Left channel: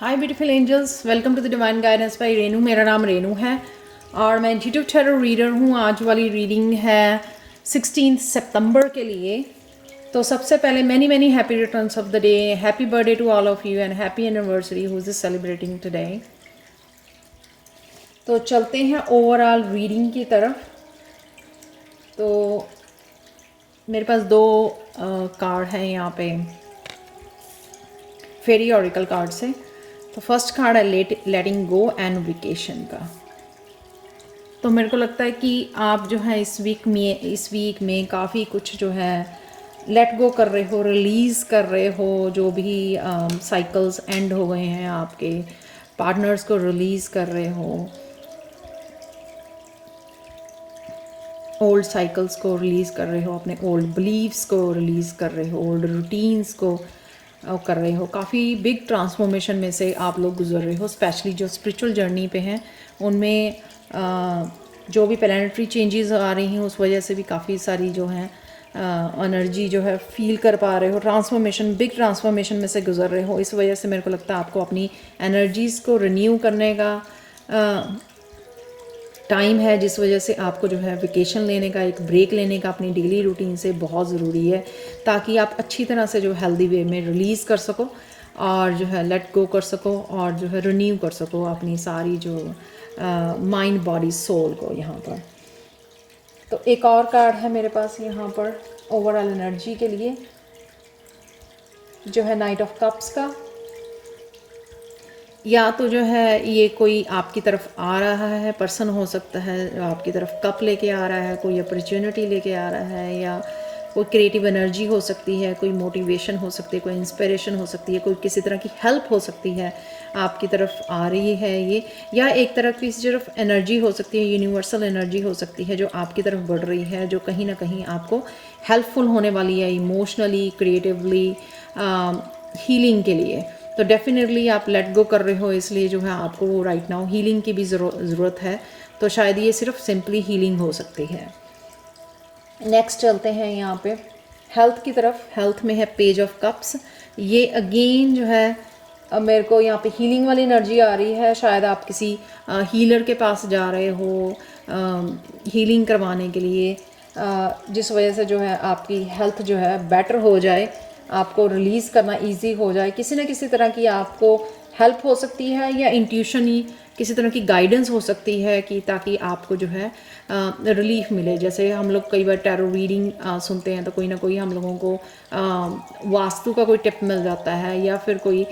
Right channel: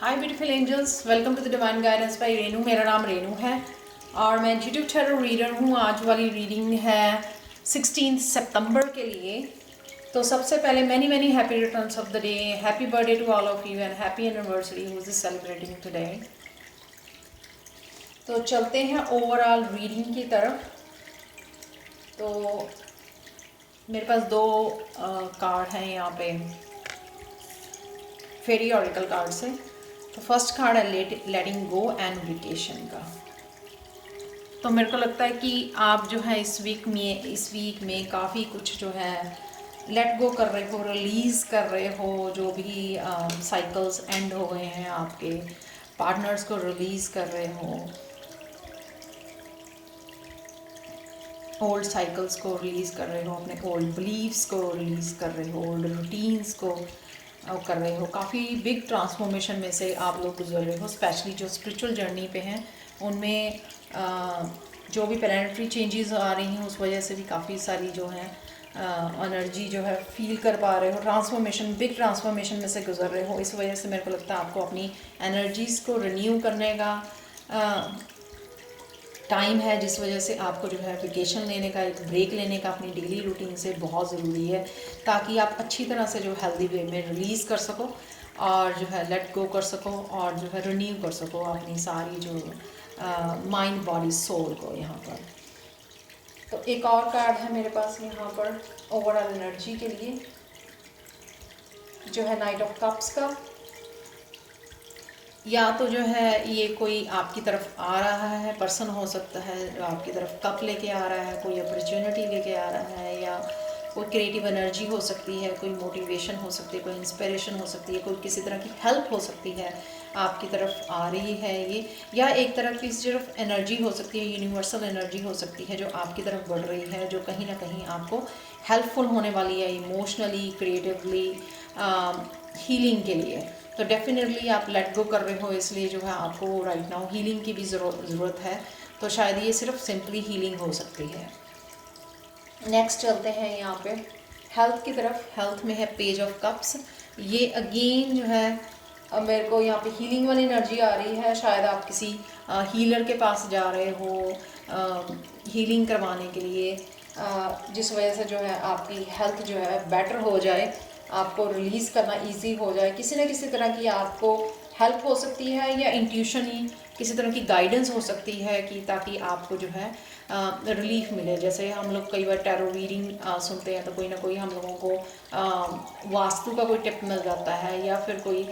Hi beautiful angels, welcome to the divine guidance by Renu. मेरा नाम रेनू है और मैं इंट्यूटिव टैरो रीडर हूँ। आज वाली रीडिंग है 16 सितंबर के लिए। तो सबसे पहले many many happy returns of the day, happy birthday to all of you and happy anniversary who is celebrating today. तो चलते हैं ओवरऑल रीडिंग की तरफ। तो मेरे पास दो कार्ड हैं यहाँ पे फेरी ऑरिकल कार्ड से। तो फर्स्ट कार्ड है लेटिंग गो एंड वेकेशन का। तो मेरे को लगता है कि आप जो है इस वीक में काफ़ी कुछ जो है लेट गो कर रहे हो, रिलीज़ कर रहे हो। जो भी साइकिल्स एंड हो गए हैं, आपके पार्टनर्स को रिलीज़ कर रहे हो, ओल्ड साइकिल्स को रिलीज़ कर रहे हो, अपने ओल्ड बिलीव्स को रिलीज़ कर रहे हो, ओल्ड रूटीन्स को कर रहे हो। काफ़ी बिग ट्रांसफॉर्मेशन में से आप लोग गुजर रहे हो, स्पेशली जो स्पिरिचुअल जर्नी पे हैं उनमें जो भी प्लैनेटरी चेंजेस आ रही हैं उस वजह से भी काफ़ी सारी जो है एनर्जी जो है फील कर पा रहे हो। ट्रांसफॉर्मेशन, बिग ट्रांसफॉर्मेशन में से गुजर रहे हो। इस वजह से मेरे को लगता है आपको अपनी एनर्जीज़ को रिन्यू करने का टाइम है, जिस वजह से आपको जो है वेकेशन लेने का, एक ब्रेक लेने का अपनी डेली रूटीन से बहुत ज़रूरी है, ताकि आप अच्छी तरह से जो हेल्दी वे में रिलीज़ कर सको और जो है लेट गो कर सको और जो है रिन्यू कर सको अपनी सारी जो माइंड बॉडी सोल को यहाँ पर। तो एक और कार्ड है मेरे पास यहाँ पर ओवरऑल एनर्जी के लिए, जो है नाइट ऑफ कप्स का। या तो जो है ये कोई आपकी तरफ आ रहा है, पर्सन हो सकता है आपकी तरफ कप लेके आ रहा है, कोई अपॉर्चुनिटी लेके आ रहा है, या कोई क्रिएटिव एनर्जी हो सकती है, कोई मोटिवेशन हो सकती है, कोई इंस्पिरेशन हो सकती है, कोई किसी तरह की हेल्प हो सकती है आपकी तरफ आ रही है ये। या एक तरफ की सिर्फ एनर्जी हो सकती है, यूनिवर्सल एनर्जी हो सकती है जो आपकी तरफ बढ़ रही है, जो कहीं ना कहीं आपको हेल्पफुल होने वाली है इमोशनली, क्रिएटिवली, हीलिंग के लिए। तो डेफिनेटली आप लेट गो कर रहे हो, इसलिए जो है आपको राइट नाउ हीलिंग की भी ज़रूरत है। तो शायद ये सिर्फ सिंपली हीलिंग हो सकती है। नेक्स्ट चलते हैं यहाँ पे हेल्थ की तरफ। हेल्थ में है पेज ऑफ कप्स। ये अगेन जो है मेरे को यहाँ पे हीलिंग वाली एनर्जी आ रही है। शायद आप किसी हीलर के पास जा रहे हो हीलिंग करवाने के लिए, जिस वजह से जो है आपकी हेल्थ जो है बेटर हो जाए, आपको रिलीज़ करना इजी हो जाए। किसी न किसी तरह की आपको हेल्प हो सकती है, या इंट्यूशन ही किसी तरह की गाइडेंस हो सकती है कि ताकि आपको जो है रिलीफ मिले। जैसे हम लोग कई बार टैरो रीडिंग सुनते हैं तो कोई ना कोई हम लोगों को वास्तु का कोई टिप मिल जाता है, या फिर कोई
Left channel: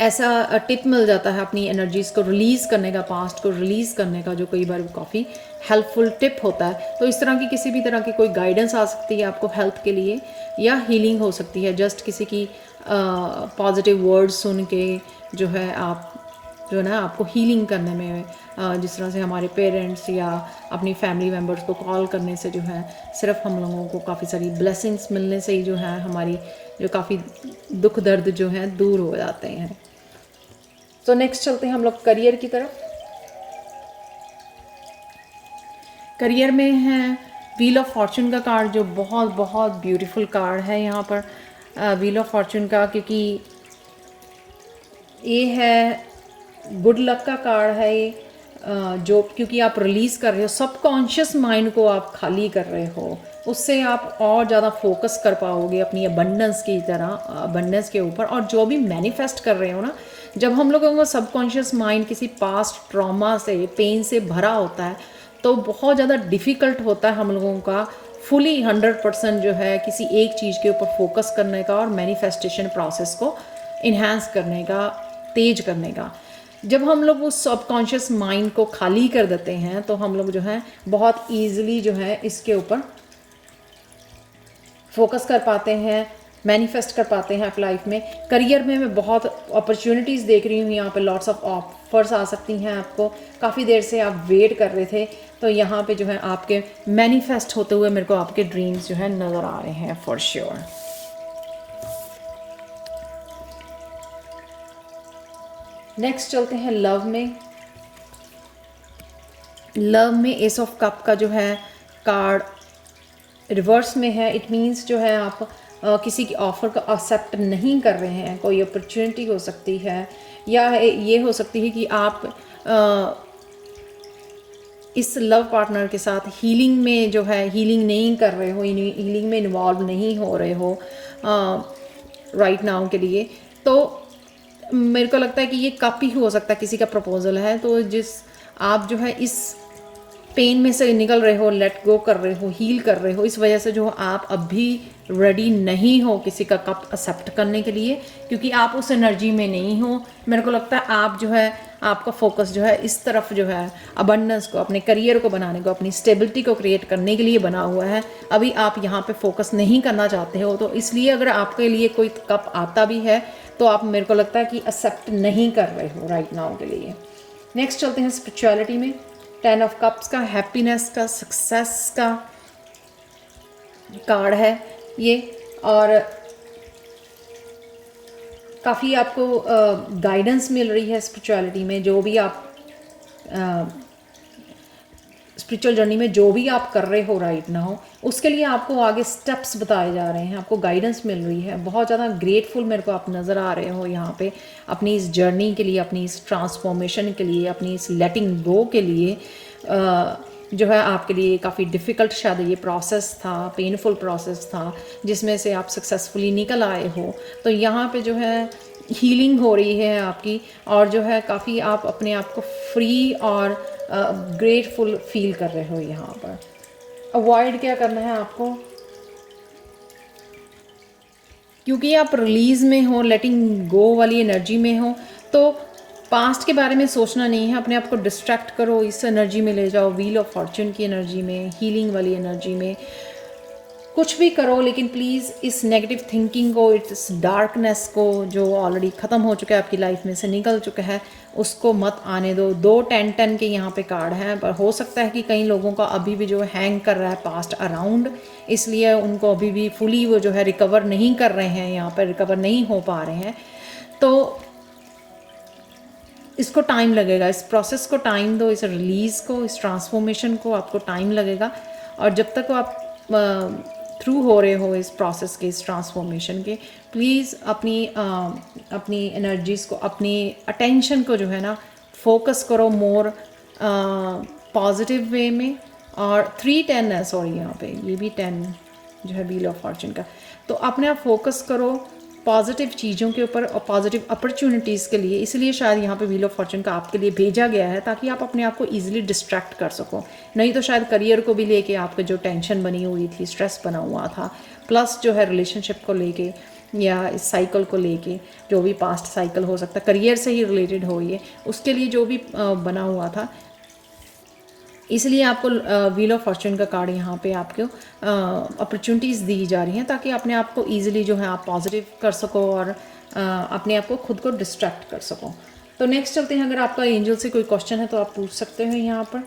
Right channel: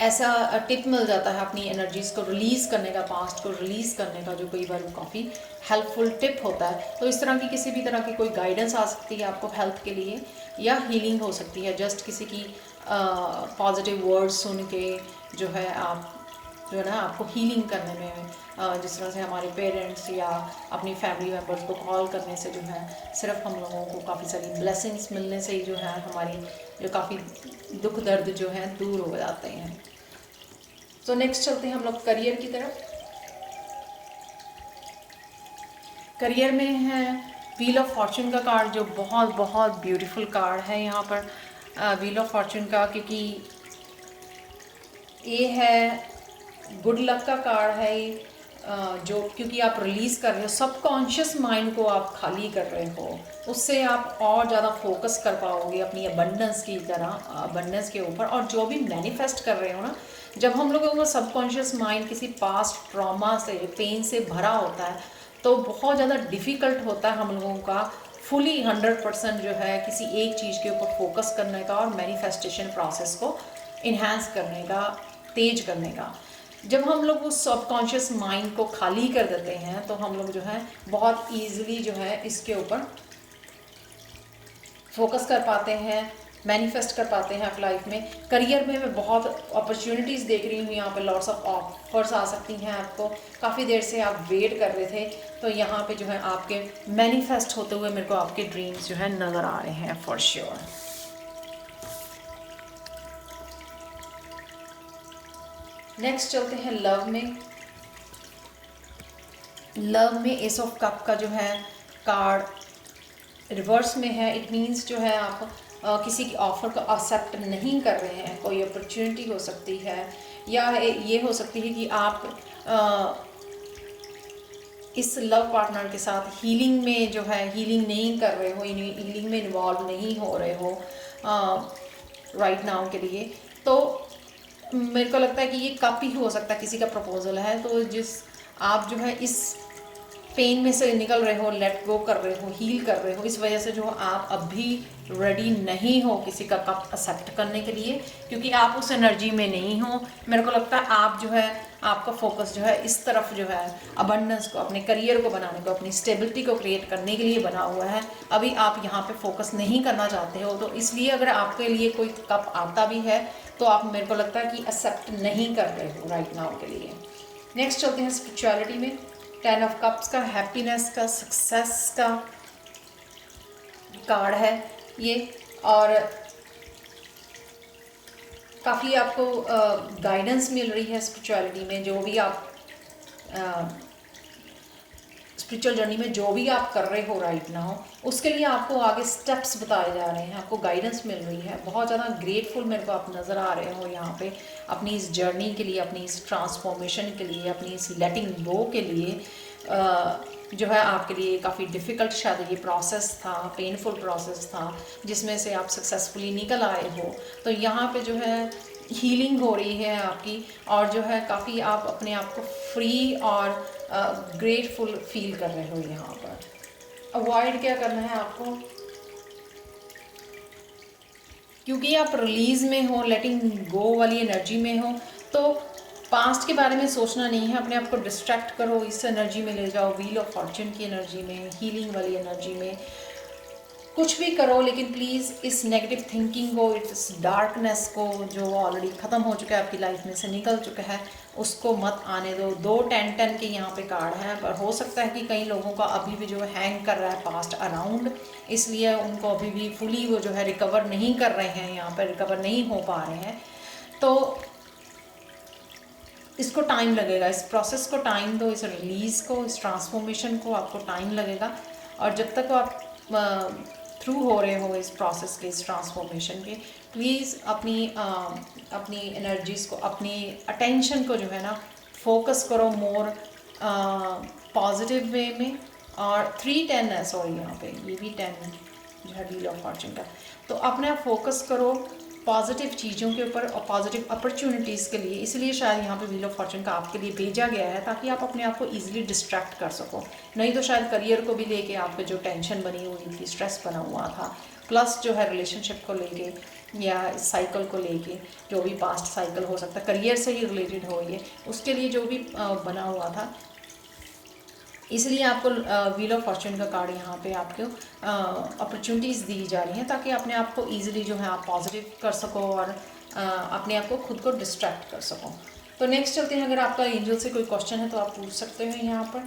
ऐसा टिप मिल जाता है अपनी एनर्जीज़ को रिलीज़ करने का, पास्ट को रिलीज़ करने का, जो कई बार काफ़ी हेल्पफुल टिप होता है। तो इस तरह की किसी भी तरह की कोई गाइडेंस आ सकती है आपको हेल्थ के लिए, या हीलिंग हो सकती है जस्ट किसी की पॉजिटिव वर्ड्स सुन के जो है आप जो है ना आपको हीलिंग करने में, जिस तरह से हमारे पेरेंट्स या अपनी फैमिली मेम्बर्स को कॉल करने से जो है सिर्फ हम लोगों को काफ़ी सारी ब्लेसिंग्स मिलने से ही जो है हमारी जो काफ़ी दुख दर्द जो है दूर हो जाते हैं। तो नेक्स्ट चलते हैं हम लोग करियर की तरफ। करियर में है व्हील ऑफ फॉर्चून का कार्ड, जो बहुत बहुत ब्यूटीफुल कार्ड है यहाँ पर व्हील ऑफ फॉर्चून का, क्योंकि ये है गुड लक का कार्ड है ये, जो क्योंकि आप रिलीज़ कर रहे हो, सबकॉन्शियस माइंड को आप खाली कर रहे हो, उससे आप और ज़्यादा फोकस कर पाओगे अपनी अबंडेंस की तरह, अबंडेंस के ऊपर। और जो भी मैनिफेस्ट कर रहे हो ना, जब हम लोगों का सबकॉन्शियस माइंड किसी पास्ट ट्रॉमा से, पेन से भरा होता है, तो बहुत ज़्यादा डिफ़िकल्ट होता है हम लोगों का फुली 100% जो है किसी एक चीज़ के ऊपर फोकस करने का और मैनिफेस्टेशन प्रोसेस को इन्हांस करने का, तेज करने का। जब हम लोग उस सबकॉन्शियस माइंड को खाली कर देते हैं तो हम लोग जो है बहुत ईजिली जो है इसके ऊपर फोकस कर पाते हैं, मैनिफेस्ट कर पाते हैं अपनी लाइफ में। करियर में मैं बहुत अपॉर्चुनिटीज़ देख रही हूँ यहाँ पे, लॉट्स ऑफ ऑफर्स आ सकती हैं आपको। काफ़ी देर से आप वेट कर रहे थे, तो यहाँ पे जो है आपके मैनिफेस्ट होते हुए मेरे को आपके ड्रीम्स जो है नज़र आ रहे हैं फॉर श्योर। नेक्स्ट चलते हैं लव में। लव में एस ऑफ कप का जो है कार्ड रिवर्स में है। इट मीन्स जो है आप किसी की ऑफ़र को एक्सेप्ट नहीं कर रहे हैं, कोई अपॉर्चुनिटी हो सकती है, या ये हो सकती है कि आप इस लव पार्टनर के साथ हीलिंग में जो है हीलिंग नहीं कर रहे हो, हीलिंग में इन्वॉल्व नहीं हो रहे हो राइट नाउ के लिए। तो मेरे को लगता है कि ये कप ही हो सकता है, किसी का प्रपोजल है। तो जिस आप जो है इस पेन में से निकल रहे हो, लेट गो कर रहे हो, हील कर रहे हो, इस वजह से जो आप अभी रेडी नहीं हो किसी का कप एक्सेप्ट करने के लिए, क्योंकि आप उस एनर्जी में नहीं हो। मेरे को लगता है आप जो है आपका फोकस जो है इस तरफ जो है अबंडेंस को, अपने करियर को बनाने को, अपनी स्टेबिलिटी को क्रिएट करने के लिए बना हुआ है। अभी आप यहाँ पे फोकस नहीं करना चाहते हो, तो इसलिए अगर आपके लिए कोई कप आता भी है तो आप, मेरे को लगता है कि एक्सेप्ट नहीं कर रहे हो राइट नाउ के लिए। नेक्स्ट चलते हैं स्पिरिचुअलिटी में। 10 ऑफ कप्स का हैप्पीनेस का, सक्सेस का कार्ड है ये, और काफ़ी आपको गाइडेंस मिल रही है स्पिरिचुअलिटी में। जो भी आप स्पिरिचुअल जर्नी में जो भी आप कर रहे हो राइट नाउ, उसके लिए आपको आगे स्टेप्स बताए जा रहे हैं, आपको गाइडेंस मिल रही है। बहुत ज़्यादा ग्रेटफुल मेरे को आप नज़र आ रहे हो यहाँ पे अपनी इस जर्नी के लिए, अपनी इस ट्रांसफॉर्मेशन के लिए, अपनी इस लेटिंग गो के लिए। जो है आपके लिए काफ़ी डिफ़िकल्ट शायद ये प्रोसेस था, पेनफुल प्रोसेस था, जिसमें से आप सक्सेसफुली निकल आए हो। तो यहाँ पे जो है हीलिंग हो रही है आपकी, और जो है काफ़ी आप अपने आप को फ्री और ग्रेटफुल फील कर रहे हो यहाँ पर। अवॉइड क्या करना है आपको, क्योंकि आप रिलीज़ में हो, लेटिंग गो वाली एनर्जी में हो, तो पास्ट के बारे में सोचना नहीं है। अपने आप को डिस्ट्रैक्ट करो, इस एनर्जी में ले जाओ, व्हील ऑफ फॉर्च्यून की एनर्जी में, हीलिंग वाली एनर्जी में। कुछ भी करो, लेकिन प्लीज़ इस नेगेटिव थिंकिंग को, इस डार्कनेस को जो ऑलरेडी ख़त्म हो चुका है, आपकी लाइफ में से निकल चुका है, उसको मत आने दो। 2 10 10 के यहाँ पे कार्ड हैं, पर हो सकता है कि कई लोगों का अभी भी जो हैंग कर रहा है पास्ट अराउंड, इसलिए उनको अभी भी फुली वो जो है रिकवर नहीं कर रहे हैं, यहाँ पर रिकवर नहीं हो पा रहे हैं। तो इसको टाइम लगेगा, इस प्रोसेस को टाइम दो, इस रिलीज़ को, इस ट्रांसफॉर्मेशन को आपको टाइम लगेगा। और जब तक आप थ्रू हो रहे हो इस प्रोसेस के, इस ट्रांसफॉर्मेशन के, प्लीज़ अपनी एनर्जीज़ को, अपनी अटेंशन को जो है ना फोकस करो मोर पॉजिटिव वे में। और 3 10 है, सॉरी यहाँ पे ये भी 10 जो है व्हील ऑफ फॉर्च्यून का। तो अपने आप फोकस करो पॉजिटिव चीज़ों के ऊपर और पॉजिटिव अपॉर्चुनिटीज़ के लिए। इसलिए शायद यहाँ पे व्हील ऑफ फॉर्च्यून का आपके लिए भेजा गया है, ताकि आप अपने आप को ईजिली डिस्ट्रैक्ट कर सको। नहीं तो शायद करियर को भी लेके आपके जो टेंशन बनी हुई थी, स्ट्रेस बना हुआ था, प्लस जो है रिलेशनशिप को लेके या इस साइकिल को लेके, जो भी पास्ट साइकिल हो सकता है, करियर से ही रिलेटेड हो ये, उसके लिए जो भी बना हुआ था, इसलिए आपको व्हील ऑफ फॉर्च्यून का कार्ड यहाँ पे आपको अपॉर्चुनिटीज़ दी जा रही हैं, ताकि अपने आप को ईजिली जो है आप पॉजिटिव कर सको और अपने आप को खुद को डिस्ट्रैक्ट कर सको। तो नेक्स्ट चलते हैं, अगर आपका एंजल से कोई क्वेश्चन है तो आप पूछ सकते हैं यहाँ पर।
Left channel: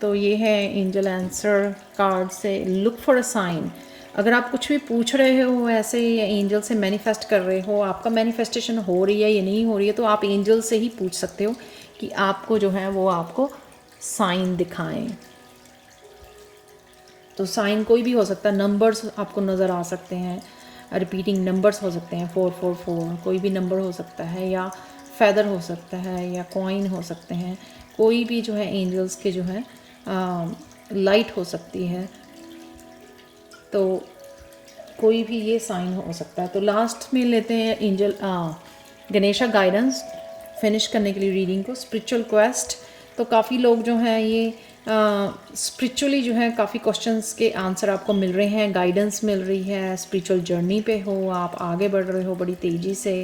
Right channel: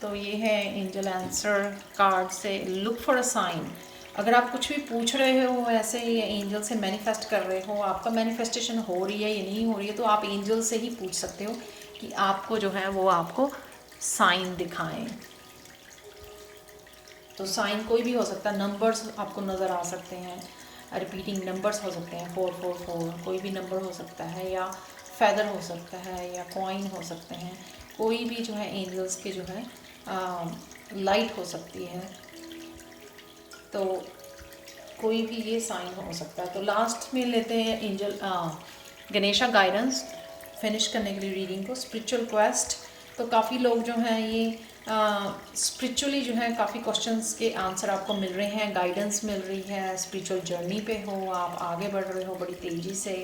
तो ये है एंजल आंसर कार्ड से, लुक फॉर अ साइन। अगर आप कुछ भी पूछ रहे हो ऐसे, या एंजल से मैनिफेस्ट कर रहे हो, आपका मैनिफेस्टेशन हो रही है या नहीं हो रही है, तो आप एंजल से ही पूछ सकते हो कि आपको जो है वो आपको साइन दिखाएं। तो साइन कोई भी हो सकता है, नंबर्स आपको नज़र आ सकते हैं, रिपीटिंग नंबर्स हो सकते हैं, 444 कोई भी नंबर हो सकता है, या फेदर हो सकता है, या कॉइन हो सकते हैं, कोई भी जो है एंजल्स के जो है लाइट हो सकती है, तो कोई भी ये साइन हो सकता है। तो लास्ट में लेते हैं एंजल गणेशा गाइडेंस फिनिश करने के लिए रीडिंग को, स्पिरिचुअल क्वेस्ट। तो काफ़ी लोग जो हैं ये स्पिरिचुअली जो है काफ़ी क्वेश्चंस के आंसर आपको मिल रहे हैं, गाइडेंस मिल रही है, स्पिरिचुअल जर्नी पे हो, आप आगे बढ़ रहे हो बड़ी तेज़ी से,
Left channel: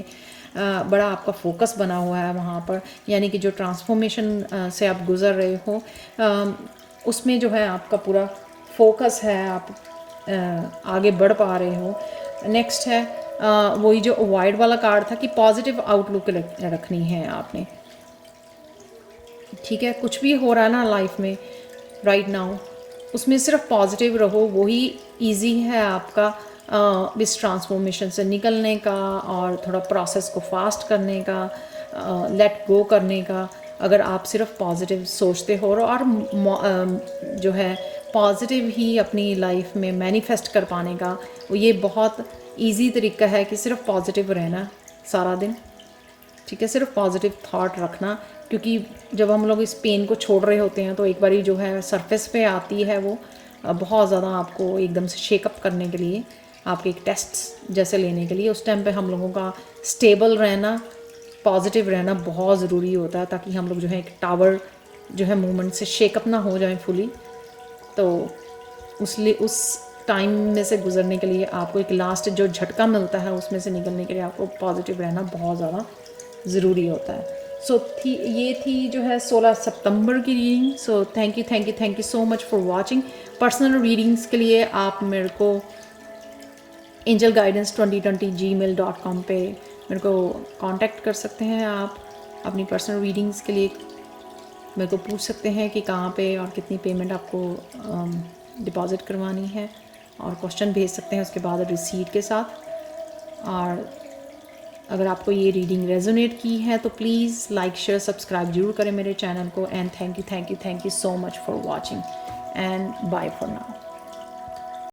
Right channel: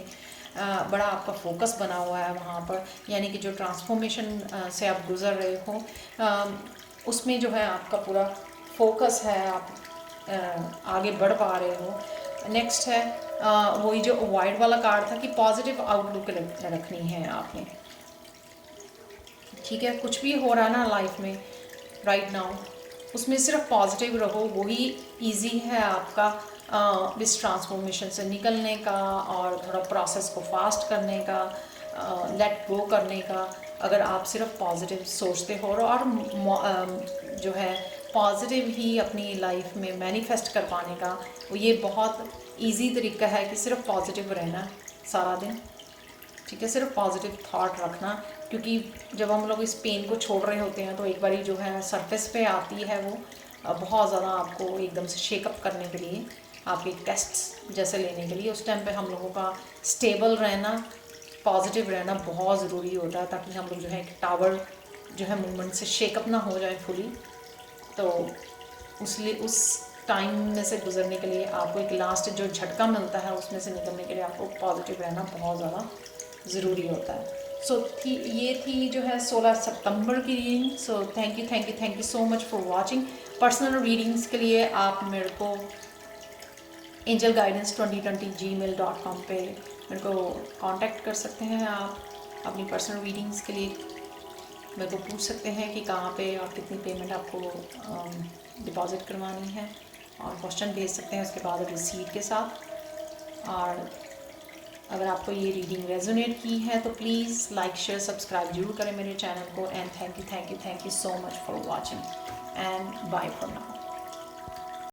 बड़ा आपका फोकस बना हुआ है वहाँ पर, यानी कि जो ट्रांसफॉर्मेशन से आप गुज़र रहे हो उसमें जो है आपका पूरा फोकस है, आप आगे बढ़ पा रहे हो। नेक्स्ट है वही जो अवॉइड वाला कार्ड था कि पॉजिटिव आउटलुक रखनी है आपने, ठीक है। कुछ भी हो रहा है ना लाइफ में राइट नाउ, उसमें सिर्फ पॉजिटिव रहो, वही इजी है आपका इस ट्रांसफॉर्मेशन से निकलने का और थोड़ा प्रोसेस को फास्ट करने का, लेट गो करने का। अगर आप सिर्फ पॉजिटिव सोचते हो और जो है पॉजिटिव ही अपनी लाइफ में मैनिफेस्ट कर पाने का, वो ये बहुत इजी तरीका है कि सिर्फ पॉजिटिव रहना सारा दिन, ठीक है, सिर्फ पॉजिटिव थॉट रखना। क्योंकि जब हम लोग इस पेन को छोड़ रहे होते हैं तो एक बारी जो है सरफेस पे आती है वो बहुत ज़्यादा आपको एकदम से शेकअप करने के लिए, आपके एक टेस्ट जैसे लेने के लिए, उस टाइम पे हम लोगों का स्टेबल रहना, पॉजिटिव रहना बहुत ज़रूरी होता है, ताकि हम लोग जो है एक टावर जो है मूवमेंट से शेकअप ना हो जाए फुली। तो उस टाइम में से गुजरने के लिए आपको एक लास्ट जो झटका मिलता है उसमें से निकलने के लिए आपको पॉजिटिव रहना बहुत ज़्यादा ज़रूरी होता है। ये थी जो है 16 सितंबर की reading. So thank you so much for watching. Personal readings के लिए आप मेरे को angelguidance2020@gmail.com पे मेरे को कांटेक्ट कर सकते हैं। आप अपनी पर्सनल रीडिंग्स के लिए मेरे को पूछ सकते हैं कि कहाँ पे और कितनी पेमेंट आपको डिपॉज़िट करवानी है, और क्वेश्चन भेज सकते हैं उसके बाद रिसीट के साथ। और अगर आपको ये रीडिंग रेजोनेट की है तो प्लीज़ लाइक शेयर सब्सक्राइब जरूर करें मेरे चैनल को। And thank you so much for watching and bye for now.